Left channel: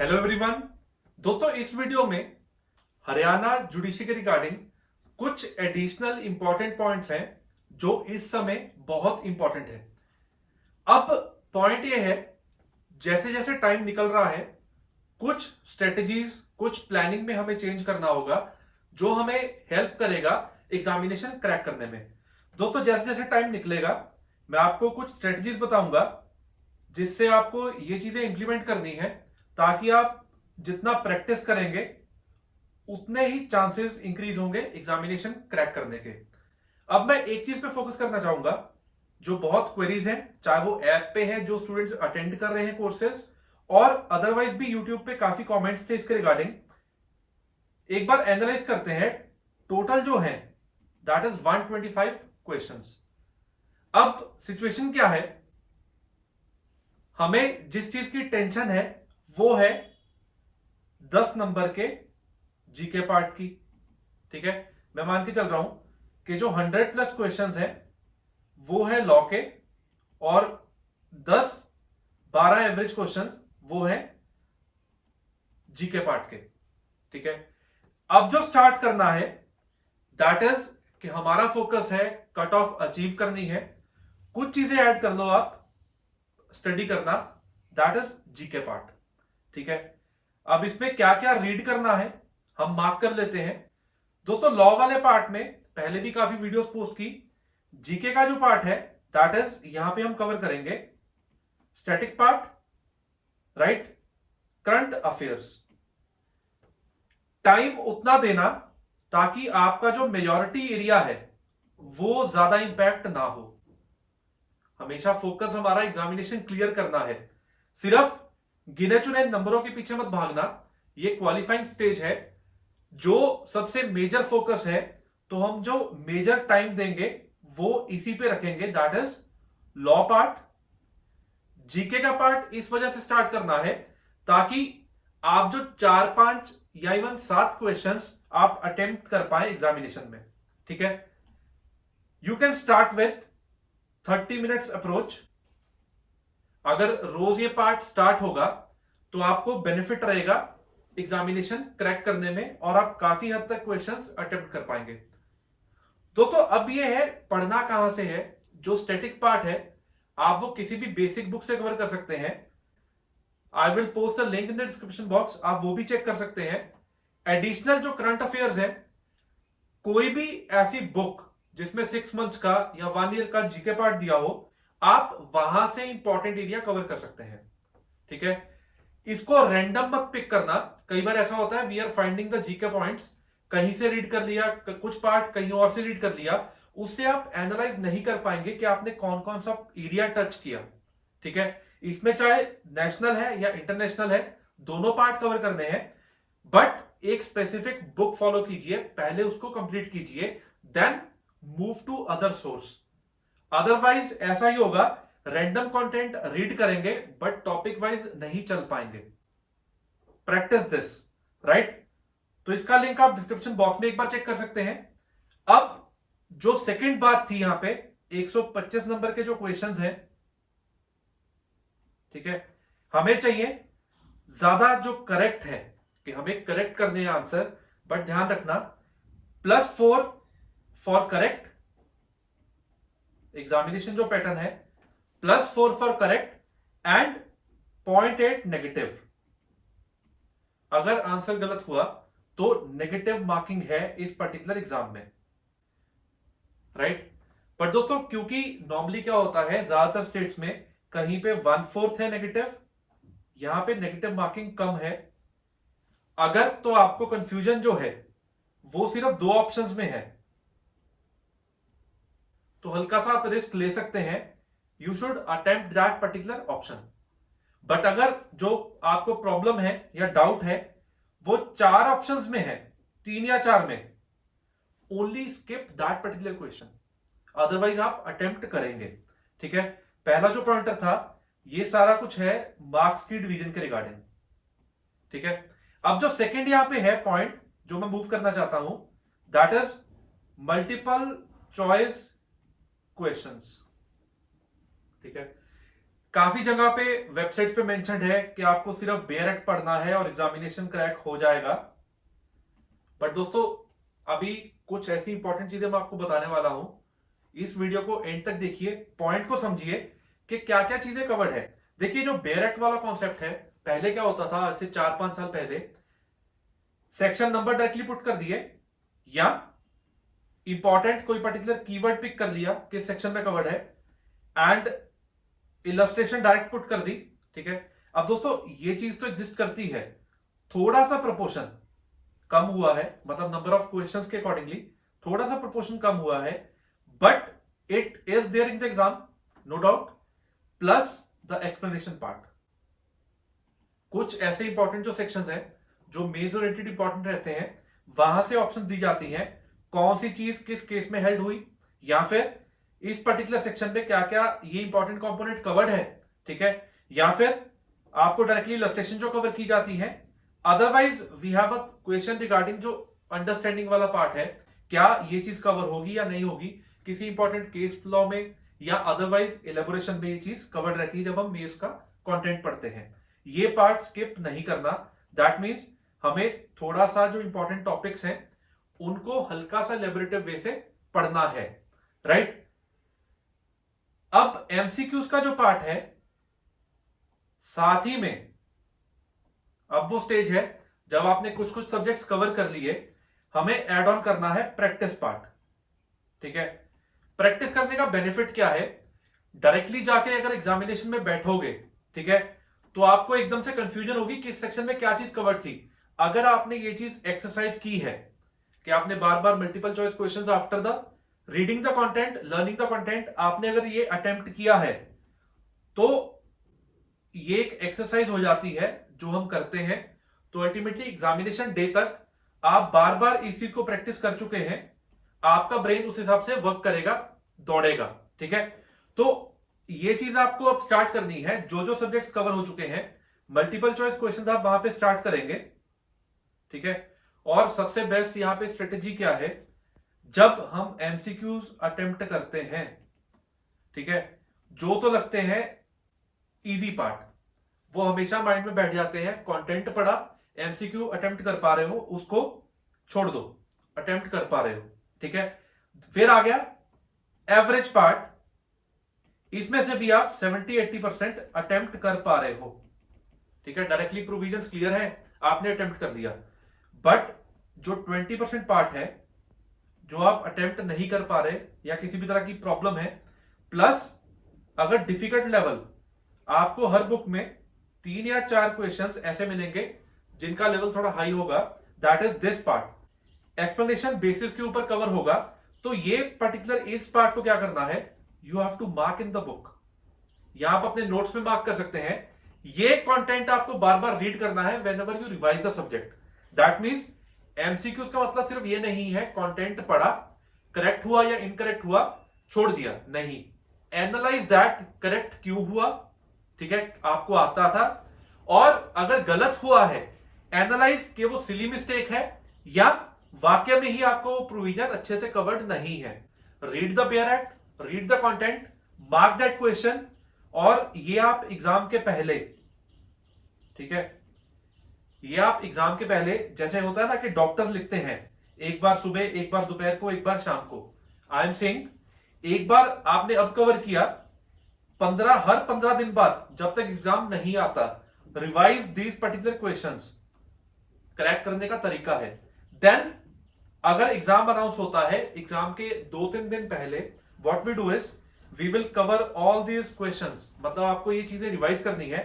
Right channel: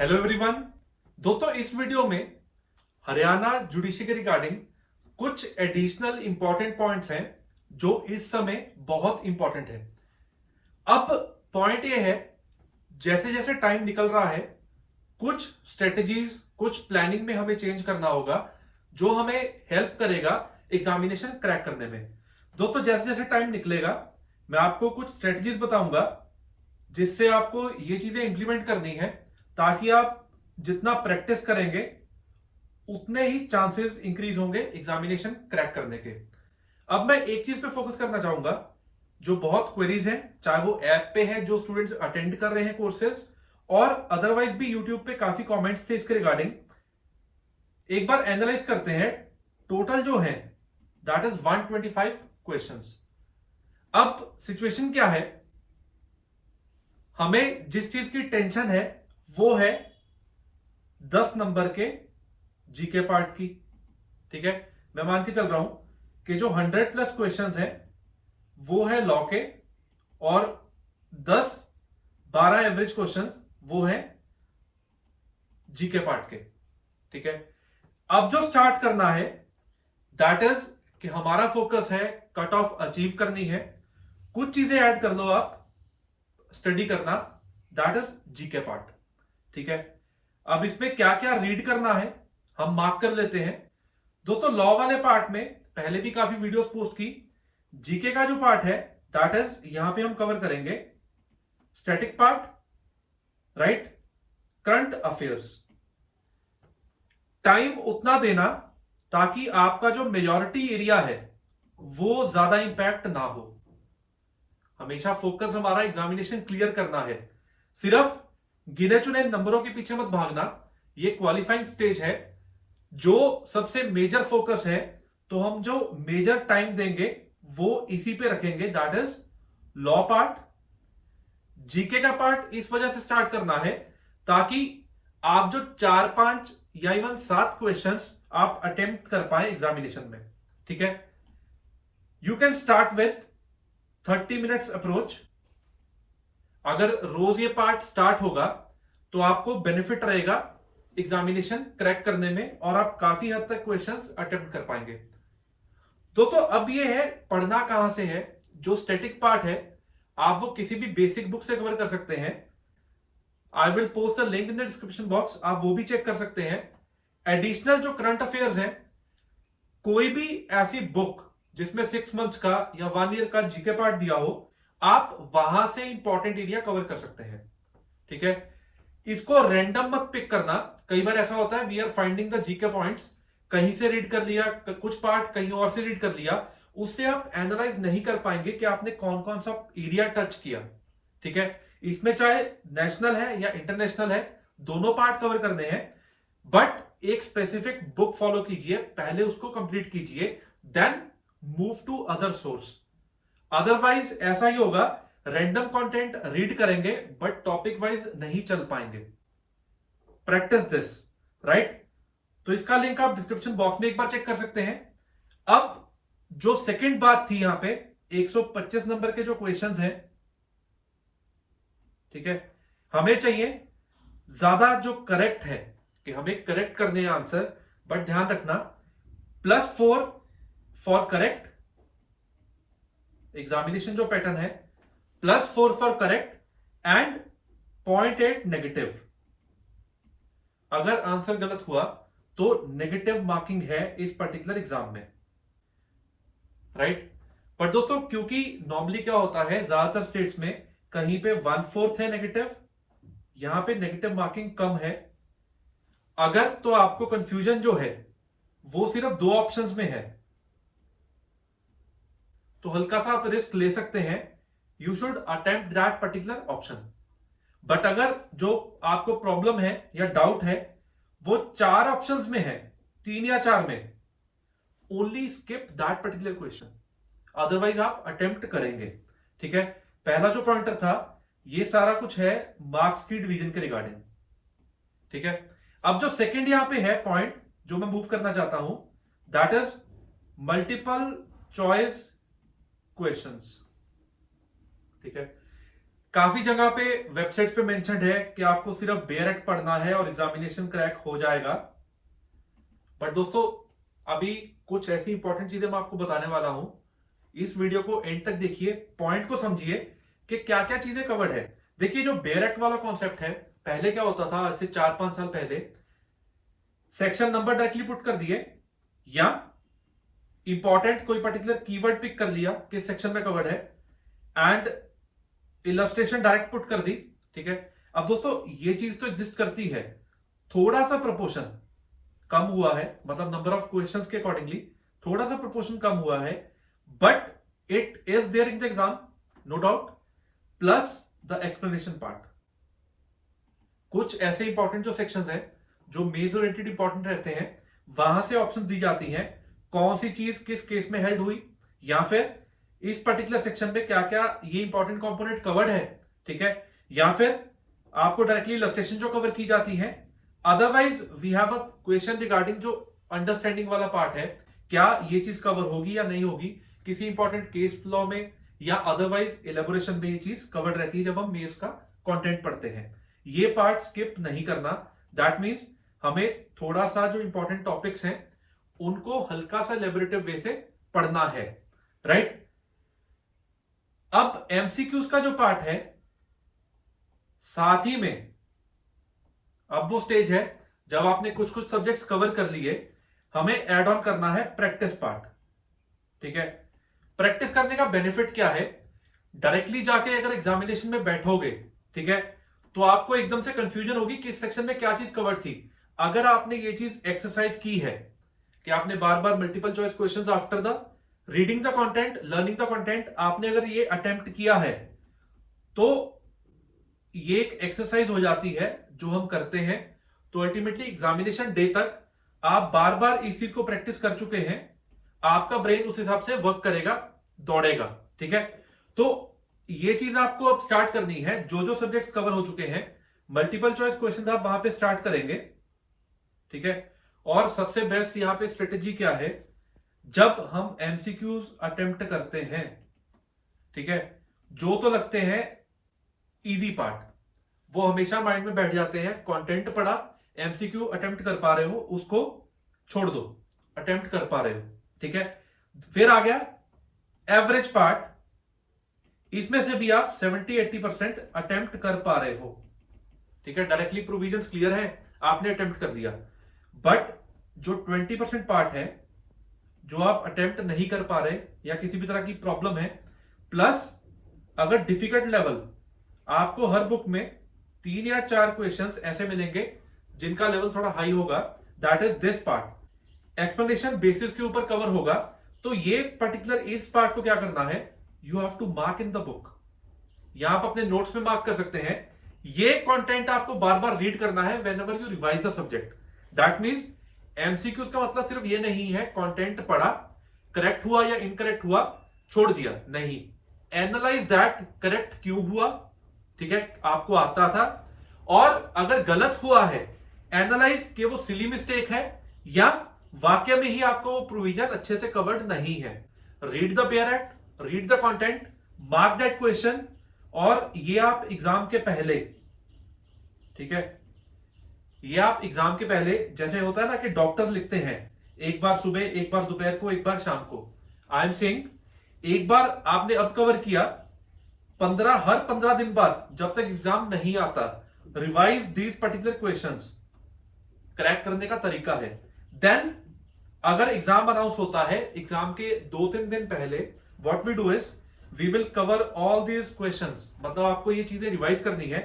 Hello everyone. दोस्तों, इस video में हरियाणा जुडिशरी के रिगार्डिंग कुछ एडिशनल इंपॉर्टेंट पॉइंट्स हैं जो इस समय बहुत इंपॉर्टेंट है। अब पॉइंट ये है, जैसे जैसे टाइम निकल रहा है कुछ स्ट्रेटजीज, कुछ प्लानिंग में हमें चेंज करना होगा जो हमें हेल्प करेगा एग्जामिनेशन क्रैक करने में। दोस्तों, जैसे जैसे टाइम निकलेगा मैं आपको कुछ स्ट्रेटजीज बताऊंगा जिससे आपको ये चीजें इंप्लीमेंट करनी है ताकि आप जितना प्रैक्टिस करेंगे उतने ही चांसेस इंक्रीज होंगे एग्जामिनेशन क्रैक करने के। अब मैं एक चीज पे फोकस करना चाहूंगा जो बहुत क्वेरीज हैं, चाहे वो ऐप पे है जो स्टूडेंट्स अटेंड कर रहे हैं कोर्सेज, और अदरवाइज भी यूट्यूब पे काफी कमेंट्स थे इसके रिगार्डिंग। एक बार एनालाइज करते हैं। टोटल जो है दैट इज 125 क्वेश्चंस। अब सिचुएशन क्या है, हमें जिस चीज की टेंशन है वो है 10 नंबर के जीके पार्ट की। ठीक है, मैं मान के चल रहा हूं कि जो 100+ क्वेश्चंस है वो है लॉ के, और 10-12 एवरेज क्वेश्चंस वो है जीके पार्ट के। ठीक है, अब जो स्टार्ट करना है दैट इज कि हमारा फोकस है कट ऑफ अचीव करनी है। कुछ चीजें ऐड कर लो आप स्टडी करना, दैट इज जीके पार्ट। ठीक है, अब इसमें क्या क्या रीड करना है हम मार्क कर लेते हैं। दोस्तों, लॉ वाले पार्ट में पहले भी काफी वीडियोस पोस्ट की। जीके का जो पार्ट है दैट इज यहां पे हम कवर करेंगे static part, right, current affairs. Time उतना देना ताकि आपका जो मेजॉरिटी एरिया है वो ज्यादा इंपैक्ट ना हो। हमेशा फोकस हमारा एग्जामिनेशन क्लियर करना है, सिर्फ गिने चुने नंबरों के पीछे मत भागना। ये क्वालिफाइंग स्टेज है, जो सबसे मेजर फोकस है, तो हम जो मेजर टाइम देंगे वो इसी पे रखेंगे, that is law part. GK का पार्ट इस वजह से स्टार्ट करना है ताकि आप जो 4-5 या इवन 7 क्वेश्चंस आप अटेम्प्ट कर पाए एग्जामिनेशन में। ठीक है, you can start with 30 minutes approach. अगर रोज ये पार्ट स्टार्ट होगा तो आपको बेनिफिट रहेगा एग्जामिनेशन क्रैक करने में, और आप काफी हद तक क्वेश्चंस अटेम्प्ट कर पाएंगे। दोस्तों, अब ये है पढ़ना कहां से है। जो स्टैटिक पार्ट है आप वो किसी भी बेसिक बुक से कवर कर सकते हैं। I will post the link in the description box, आप वो भी चेक कर सकते हैं। एडिशनल जो करंट अफेयर्स है, कोई भी ऐसी बुक जिसमें 6 मंथ्स का या 1 ईयर का जीके पार्ट दिया हो, आप वहां से इंपॉर्टेंट एरिया कवर कर सकते हैं। ठीक है, इसको रैंडम मत पिक करना। कई बार ऐसा होता है we are finding the GK points, कहीं से रीड कर लिया, कुछ पार्ट कहीं और से रीड कर लिया, उससे आप एनालाइज नहीं कर पाएंगे कि आपने कौन कौन सा एरिया टच किया। ठीक है, इसमें चाहे नेशनल है या इंटरनेशनल है, दोनों पार्ट कवर करने हैं, बट एक स्पेसिफिक बुक फॉलो कीजिए, पहले उसको कंप्लीट कीजिए, then move to other source. Otherwise ऐसा ही होगा, रैंडम कंटेंट रीड करेंगे बट टॉपिक वाइज नहीं चल पाएंगे। Practice this, right. तो इसका लिंक आप डिस्क्रिप्शन बॉक्स में एक बार चेक कर सकते हैं। अब जो सेकंड बात थी यहां पे, 125 नंबर के जो क्वेश्चंस हैं, ठीक है, हमें चाहिए ज्यादा जो करेक्ट है कि हमें करेक्ट करने हैं आंसर, बट ध्यान रखना +4 फॉर करेक्ट। एग्जामिनेशन जो पैटर्न है +4 फॉर करेक्ट एंड 0.8 नेगेटिव। अगर आंसर गलत हुआ तो नेगेटिव मार्किंग है इस पर्टिकुलर एग्जाम में, राइट। पर दोस्तों, क्योंकि नॉर्मली क्या होता है, ज्यादातर स्टेट्स में कहीं पे 1/4 है नेगेटिव, यहां पे नेगेटिव मार्किंग कम है। अगर तो आपको कंफ्यूजन जो है वो सिर्फ 2 ऑप्शंस में है, तो हल्का सा आप रिस्क ले सकते हैं। You should attempt that particular option. But अगर जो आपको प्रॉब्लम है या डाउट है वो 4 ऑप्शंस में है, 3 या 4 में, only skip that particular question, otherwise आप अटेम्प्ट करेंगे। ठीक है, पहला जो पॉइंटर था ये सारा कुछ है मार्क्स की डिवीजन के रिगार्डिंग। ठीक है, अब जो सेकंड यहां पे है पॉइंट जो मैं मूव करना चाहता हूं, that is multiple choice questions. ठीक है, काफी जगह पे वेबसाइट्स पे मेंशन्ड है कि आपको सिर्फ बेयर एक्ट पढ़ना है और एग्जामिनेशन क्रैक हो जाएगा। बट दोस्तों अभी कुछ ऐसी इंपॉर्टेंट चीजें मैं आपको बताने वाला हूं, इस वीडियो को एंड तक देखिए, पॉइंट को समझिए कि क्या क्या चीजें कवर्ड है। देखिए जो बेयर एक्ट वाला कॉन्सेप्ट है, पहले क्या होता था, आज से 4-5 साल पहले सेक्शन नंबर डायरेक्टली पुट कर दिए या इंपॉर्टेंट कोई पर्टिकुलर कीवर्ड पिक कर लिया किस सेक्शन में कवर्ड है एंड इलस्ट्रेशन डायरेक्ट पुट कर दी। ठीक है, अब दोस्तों ये चीज तो एग्जिस्ट करती है, थोड़ा सा प्रोपोर्शन कम हुआ है, मतलब नंबर ऑफ क्वेश्चंस के अकॉर्डिंगली थोड़ा सा प्रोपोर्शन कम हुआ है, but it is there in the exam no doubt, plus the explanation part. कुछ ऐसे इंपॉर्टेंट जो सेक्शंस हैं जो मेजर इंपॉर्टेंट रहते हैं, वहां से ऑप्शन दी जाती हैं कौन सी चीज किस केस में हेल्ड हुई, या फिर इस पर्टिकुलर सेक्शन पे क्या क्या ये इंपॉर्टेंट कंपोनेंट कवर्ड है। ठीक है, या फिर आपको डायरेक्टली इलस्ट्रेशन जो कवर की जाती है। Otherwise we have a question regarding जो अंडरस्टैंडिंग वाला पार्ट है, क्या ये चीज कवर होगी या नहीं होगी किसी इंपॉर्टेंट केस लॉ में, या अदरवाइज एलेबोरेशन में ये चीज कवर्ड रहती है जब हम मेंस का कंटेंट पढ़ते हैं। ये पार्ट स्किप नहीं करना। दैट मीन्स हमें थोड़ा सा जो इंपॉर्टेंट टॉपिक्स हैं उनको हल्का सा लेबोरेटिव वे से पढ़ना है, राइट। अब एमसीक्यूज का जो पार्ट है, साथ ही में अब वो स्टेज है जब आपने कुछ कुछ सब्जेक्ट्स कवर कर लिए, हमें ऐड ऑन करना है प्रैक्टिस पार्ट। ठीक है, प्रैक्टिस करने का बेनिफिट क्या है, डायरेक्टली जाके अगर एग्जामिनेशन में बैठोगे, ठीक है, तो आपको एकदम से कंफ्यूजन होगी कि इस सेक्शन में क्या चीज कवर थी। अगर आपने ये चीज एक्सरसाइज की है कि आपने बार बार multiple choice questions after the reading the content, learning the content, आपने अगर ये अटेम्प्ट किया है तो ये एक एक्सरसाइज हो जाती है जो हम करते हैं। तो अल्टीमेटली एग्जामिनेशन डे तक आप बार बार इस चीज को प्रैक्टिस कर चुके हैं, आपका ब्रेन उस हिसाब से वर्क करेगा, दौड़ेगा। ठीक है, तो ये चीज आपको अब स्टार्ट करनी है। जो जो सब्जेक्ट्स कवर हो चुके हैं, मल्टीपल चॉइस क्वेश्चंस आप वहां पे स्टार्ट करेंगे। ठीक है, और सबसे बेस्ट यहां पे स्ट्रेटेजी क्या है, जब हम एमसीक्यूज अटेम्प्ट करते हैं, ठीक है, जो तो लगते हैं इजी पार्ट वो हमेशा माइंड में बैठ जाते हैं। कंटेंट पढ़ा, एमसीक्यू अटेम्प्ट कर पा रहे हो उसको छोड़ दो, अटेम्प्ट कर पा रहे हो। ठीक है, फिर आ गया एवरेज पार्ट, इसमें से भी आप 70-80% अटेम्प्ट कर पा रहे हो। ठीक है, डायरेक्टली प्रोविजंस क्लियर है, आपने अटेम्प्ट कर लिया। बट जो 20% पार्ट है जो आप अटेम्प्ट नहीं कर पा रहे या किसी भी तरह की प्रॉब्लम है, प्लस अगर डिफिकल्ट लेवल, आपको हर बुक में 3 या 4 क्वेश्चंस ऐसे मिलेंगे जिनका लेवल थोड़ा हाई होगा, that is this part, explanation basis के ऊपर कवर होगा। तो ये पर्टिकुलर इस पार्ट को क्या करना है, you have to mark in the book, या आप अपने नोट्स में मार्क कर सकते हैं। ये कंटेंट आपको बार बार रीड करना है when ever you revise the subject. That means MCQs का मतलब सिर्फ ये नहीं है कंटेंट पढ़ा, करेक्ट हुआ या इनकरेक्ट हुआ छोड़ दिया, नहीं, एनालाइज दैट, करेक्ट क्यों हुआ, ठीक है, आपको आता था, और अगर गलत हुआ है एनालाइज कि वो सिली मिस्टेक है या वाक्य में ही आपको वो प्रोविजन अच्छे से कवर्ड नहीं है। Read the bare act, read the content, mark that question, और ये आप एग्जाम के पहले, ठीक है, ये आप एग्जाम के पहले, जैसे होता है ना कि डॉक्टर्स लिखते हैं एक बार सुबह, एक बार दोपहर को, एक बार शाम को, आई एम सेइंग एक बार आपने अब कवर किया, हर 15 दिन बाद जब तक एग्जाम नहीं आता, revise these particular questions, crack करने का तरीका है। देन अगर एग्जाम अनाउंस होता है, एग्जाम के 2-3 दिन पहले what we do is we will cover all these questions, मतलब आपको ये चीजें रिवाइज करनी है।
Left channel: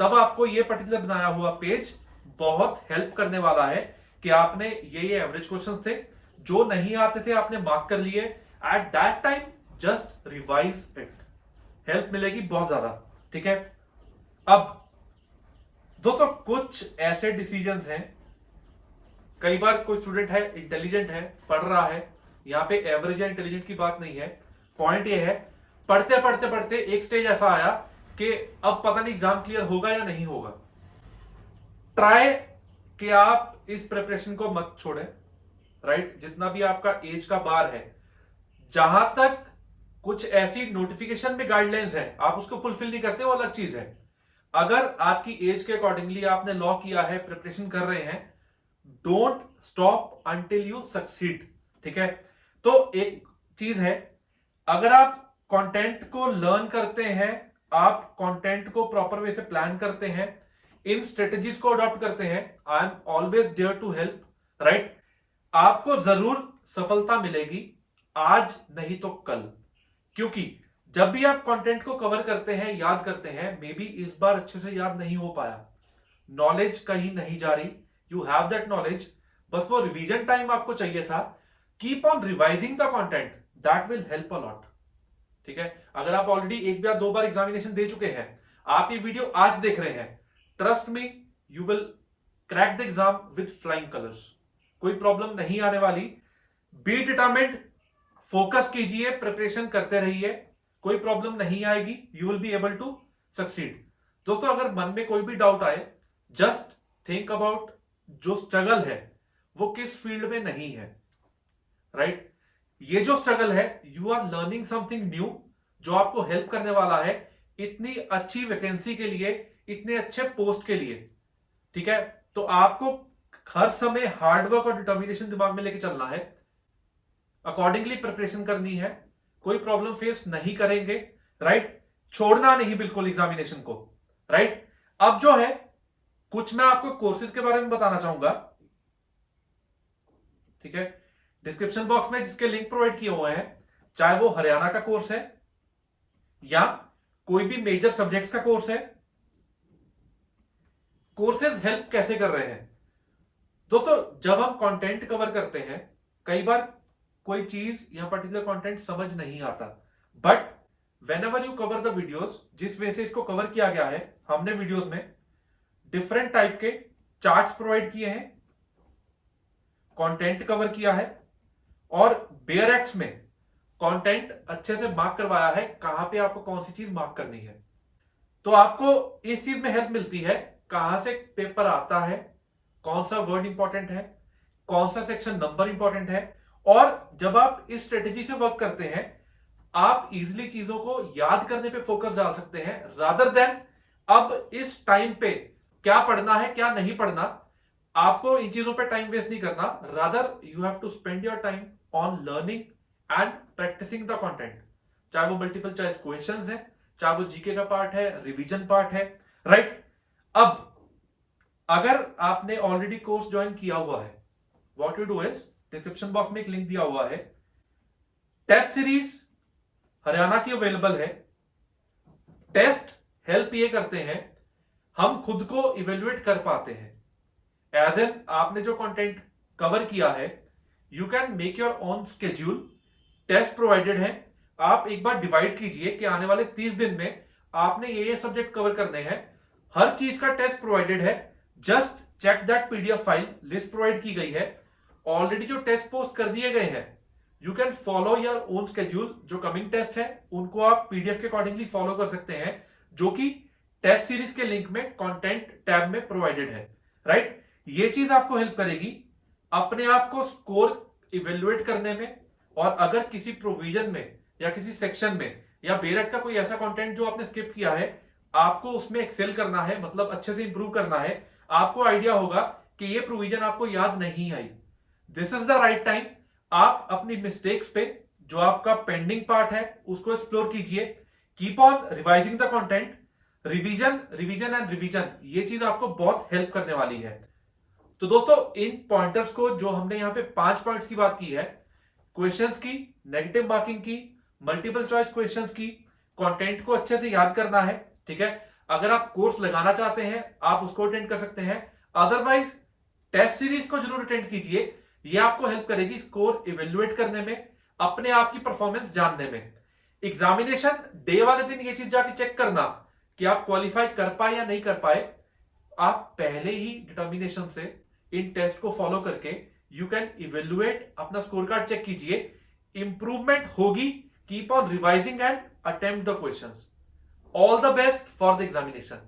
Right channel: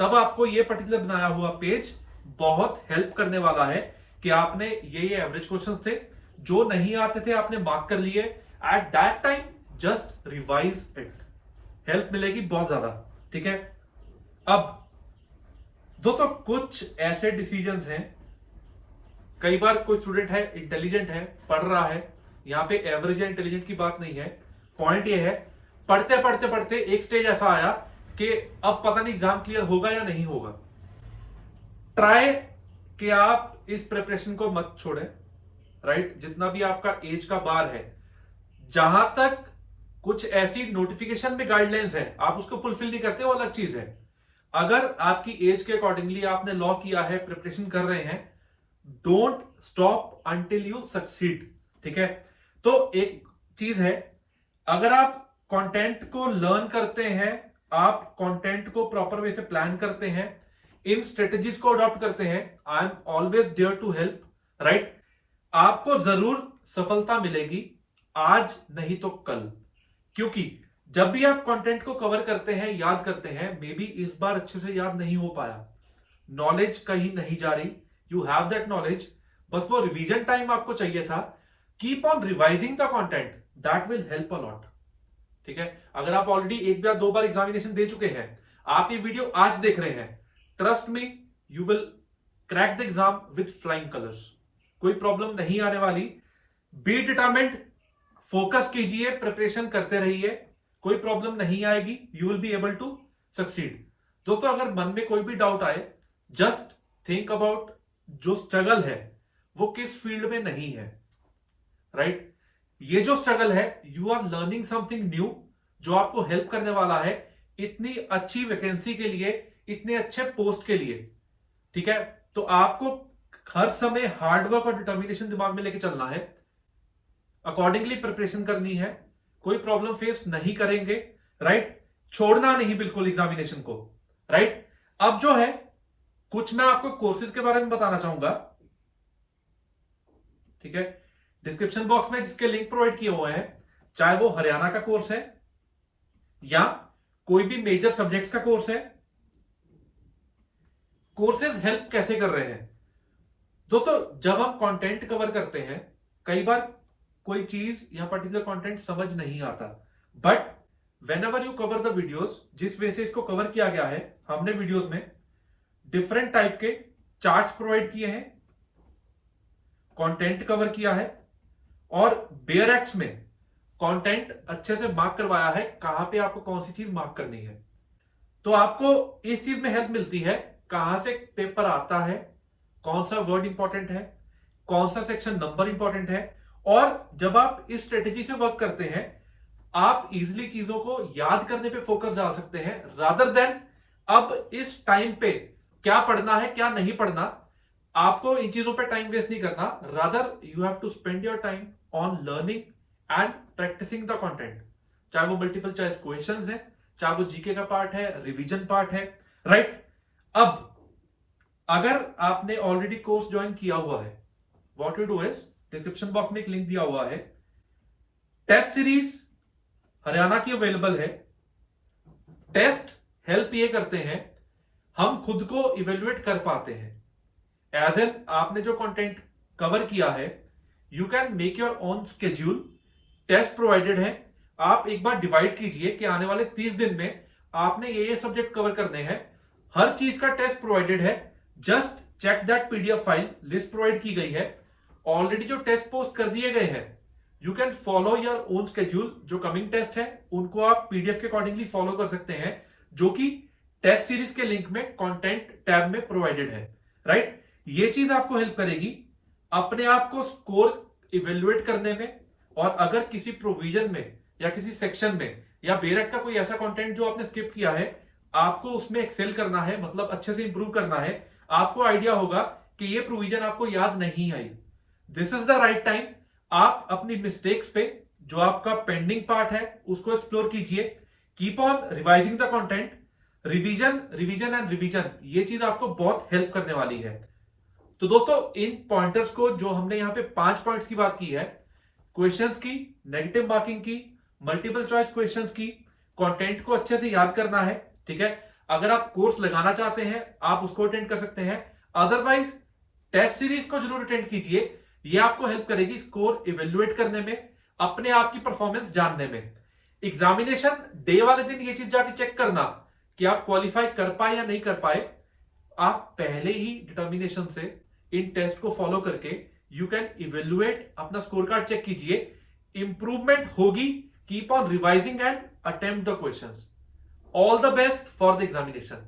तब आपको ये पर्टिकुलर बनाया हुआ पेज बहुत हेल्प करने वाला है कि आपने ये एवरेज क्वेश्चन थे जो नहीं आते थे आपने मार्क कर लिए, at that time just revise it, help मिलेगी बहुत ज्यादा। ठीक है, अब दोस्तों कुछ ऐसे डिसीजंस हैं, कई बार कोई स्टूडेंट है, इंटेलिजेंट है, पढ़ रहा है, यहां पे एवरेज या इंटेलिजेंट की बात नहीं है, पॉइंट ये है, पढ़ते पढ़ते पढ़ते एक स्टेज ऐसा आया कि अब पता नहीं एग्जाम क्लियर होगा या नहीं होगा। ट्राई कि आप इस प्रिपरेशन को मत छोड़ें, राइट, जितना भी आपका एज का बार है, जहां तक कुछ ऐसी नोटिफिकेशन में गाइडलाइंस है, आप उसको फुलफिल नहीं करते, वो अलग चीज है। अगर आपकी एज के अकॉर्डिंगली आपने लॉ किया है, प्रिपरेशन कर रहे हैं, don't stop until you succeed. ठीक है, तो एक चीज है, अगर आप कंटेंट को लर्न करते हैं, आप कंटेंट को प्रॉपर वे से प्लान करते हैं, इन स्ट्रेटेजीज को अडॉप्ट करते हैं, I am always there to help, right. आपको जरूर सफलता मिलेगी, आज नहीं तो कल। क्योंकि जब भी आप कंटेंट को कवर करते हैं, याद करते हैं, मे बी इस बार अच्छे से याद नहीं हो पाया, नॉलेज कहीं नहीं जा रही, यू हैव दैट नॉलेज, बस वो रिवीजन टाइम आपको चाहिए था। Keep on revising the content, that will help a lot. ठीक है, अगर आप ऑलरेडी एक या दो बार एग्जामिनेशन दे चुके हैं, आप ये वीडियो आज देख रहे हैं, trust me, you will crack the exam with flying colours. कोई प्रॉब्लम नहीं आने वाली। बी डिटरमिन्ड, फोकस कीजिए, प्रिपरेशन करते रहिए, कोई प्रॉब्लम नहीं आएगी, you will be able to succeed. दोस्तों, अगर मन में कोई भी डाउट आए, जस्ट थिंक अबाउट जो स्ट्रगल है वो किस फील्ड में नहीं है, राइट। ये जो स्ट्रगल है, you are learning something new जो आपको हेल्प करने वाला है इतनी अच्छी वैकेंसी के लिए, इतने अच्छे पोस्ट के लिए। ठीक है, तो आपको हर समय हार्डवर्क और डिटर्मिनेशन दिमाग में लेके चलना है, अकॉर्डिंगली प्रिपरेशन करनी है, कोई प्रॉब्लम फेस नहीं करेंगे, राइट। छोड़ना नहीं बिल्कुल एग्जामिनेशन को, राइट। अब जो है, कुछ मैं आपको कोर्सेज के बारे में बताना चाहूंगा। ठीक है, डिस्क्रिप्शन बॉक्स में जिसके लिंक प्रोवाइड किए हुए हैं, चाहे वो हरियाणा का कोर्स है या कोई भी मेजर सब्जेक्ट्स का कोर्स है, कोर्सेज हेल्प कैसे कर रहे हैं। दोस्तों, जब हम कंटेंट कवर करते हैं, कई बार कोई चीज या पर्टिकुलर कंटेंट समझ नहीं आता, but when ever you cover the videos, जिस वे से इसको कवर किया गया है, हमने वीडियोस में डिफरेंट टाइप के चार्ट्स प्रोवाइड किए हैं, कंटेंट कवर किया है, और बेयर एक्ट्स में कंटेंट अच्छे से मार्क करवाया है, कहां पे आपको कौन सी चीज मार्क करनी है। तो आपको इस चीज में हेल्प मिलती है, कहां से पेपर आता है, कौन सा वर्ड इंपॉर्टेंट है, कौन सा सेक्शन नंबर इंपॉर्टेंट है। और जब आप इस स्ट्रेटेजी से वर्क करते हैं, आप इजिली चीजों को याद करने पे फोकस डाल सकते हैं, रादर देन अब इस टाइम पे क्या पढ़ना है क्या नहीं पढ़ना। आपको इन चीजों पे टाइम वेस्ट नहीं करना, rather you have to spend your time on learning and practising the content, चाहे वो मल्टीपल चॉइस क्वेश्चंस है, चाहे वो जीके का पार्ट है, रिवीजन पार्ट है, राइट। अब अगर आपने ऑलरेडी कोर्स ज्वाइन किया हुआ है, what you do is, description box में एक लिंक दिया हुआ है, टेस्ट सीरीज हरियाणा की अवेलेबल है। टेस्ट हेल्प ये करते हैं, हम खुद को इवेल्युएट कर पाते हैं, एज एन आपने जो कंटेंट कवर किया है, you can make your own schedule, test provided है। आप एक बार डिवाइड कीजिए कि आने वाले 30 दिन में आपने ये सब्जेक्ट कवर करने हैं, हर चीज का टेस्ट प्रोवाइडेड है। Just check that PDF file, list provide की गई है, ऑलरेडी जो टेस्ट पोस्ट कर दिए गए हैं, you can follow your own schedule. जो कमिंग टेस्ट है उनको आप पीडीएफ के अकॉर्डिंगली फॉलो कर सकते हैं, जो कि टेस्ट सीरीज के लिंक में कंटेंट टैब में प्रोवाइडेड है, राइट। ये चीज आपको हेल्प करेगी अपने आप को स्कोर इवेल्युएट करने में, और अगर किसी प्रोविजन में या किसी सेक्शन में या बेरट का कोई ऐसा कंटेंट जो आपने स्किप किया है, आपको उसमें एक्सेल करना है, मतलब अच्छे से इंप्रूव करना है, आपको आइडिया होगा कि ये प्रोविजन आपको याद नहीं आई, this is the right time. आप अपनी मिस्टेक्स पे, जो आपका पेंडिंग पार्ट है, उसको एक्सप्लोर कीजिए, keep on revising the content, revision revision and revision, ये चीज आपको बहुत हेल्प करने वाली है। तो दोस्तों, इन पॉइंटर्स को, जो हमने यहां पे 5 पॉइंट्स की बात की है, क्वेश्चंस की, नेगेटिव मार्किंग की, मल्टीपल चॉइस क्वेश्चंस की, कंटेंट को अच्छे से याद करना है। ठीक है, अगर आप कोर्स लगाना चाहते हैं, आप उसको अटेंड कर सकते हैं, अदरवाइज टेस्ट सीरीज को जरूर अटेंड कीजिए, ये आपको हेल्प करेगी स्कोर इवेल्युएट करने में, अपने आप की परफॉर्मेंस जानने में। एग्जामिनेशन डे वाले दिन ये चीज जाके चेक करना कि आप क्वालिफाई कर पाए या नहीं कर पाए, आप पहले ही डिटर्मिनेशन से इन टेस्ट को फॉलो करके यू कैन इवेल्युएट, अपना स्कोर कार्ड चेक कीजिए, इंप्रूवमेंट होगी। Keep on revising and attempt the questions. All the best for the examination.